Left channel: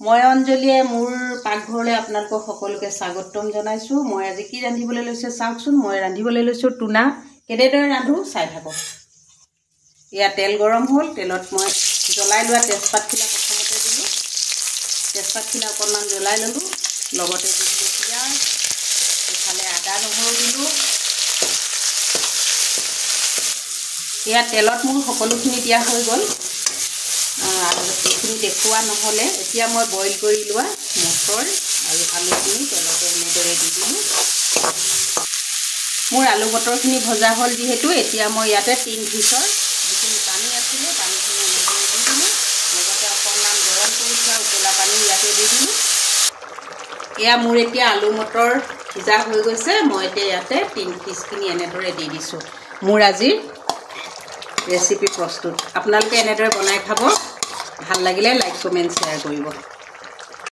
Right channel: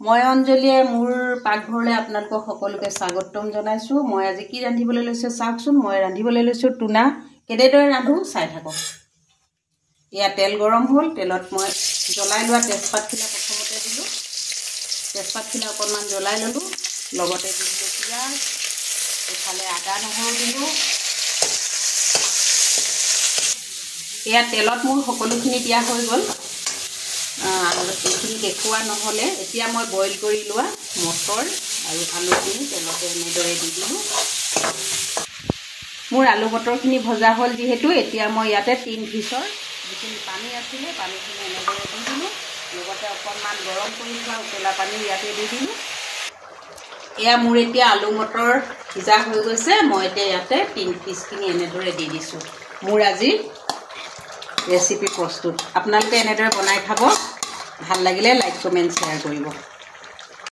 মই অঞ্জলিয়ে মোৰ পাকঘৰলৈ আপোনালোকক সকলোকে স্বাগতম জনাইছোঁ। মই আজি কি ৰান্ধিবলৈ লৈছোঁ চাওকচোন। মই ৰান্ধিবলৈ লৈছোঁ টুনা। কেনেদৰে ৰান্ধো চাই থাকক। এয়া তেল গৰম হ'ল। তেলত মই জ্বলাই লোৱা তেজপাতখিলা প্ৰথমতে দিলোঁ। তেজপাতখিলা অকণমান জ্বলাই ল'লোঁ। লগতে দি দিলোঁ পিঁয়াজ, ইফালে আদা নহৰু দিলোঁ। এয়া তেলত মোৰ সকলোখিনি দিয়া হৈ গ'ল। এইখিনি দেখুওৱা নহ'লে এতিয়া মই বইল কৰি লোৱা মটৰ আৰু আলুখিনি তেলতে এনেদৰে দি দিলোঁ। মোৰ আলু মটৰখিনি ভজা হ'ল যিহেতু এতিয়া মই ইয়াতে 3 ভিচৰ যিখিনি পানী আছিলে পানীখিনি এনেদৰে দি দিলোঁ। লগতে অকণমান গৰম কৰি থোৱা উতলা পানী ইয়াতে দি দিলোঁ। এয়া মোৰ এতিয়া আলু মটৰ সিজা হৈ গৈছে। মই এতিয়া ইয়াতে 3 পিচখিনি এনেদৰে দি দিছোঁ। মোৰ আজিৰ ৰেচিপি প্ৰস্তুত। আপোনালোকে এনেদৰে বনাই খাব। ভাল লাগিলে লাইক কমেণ্ট শ্বেয়াৰ কৰিব।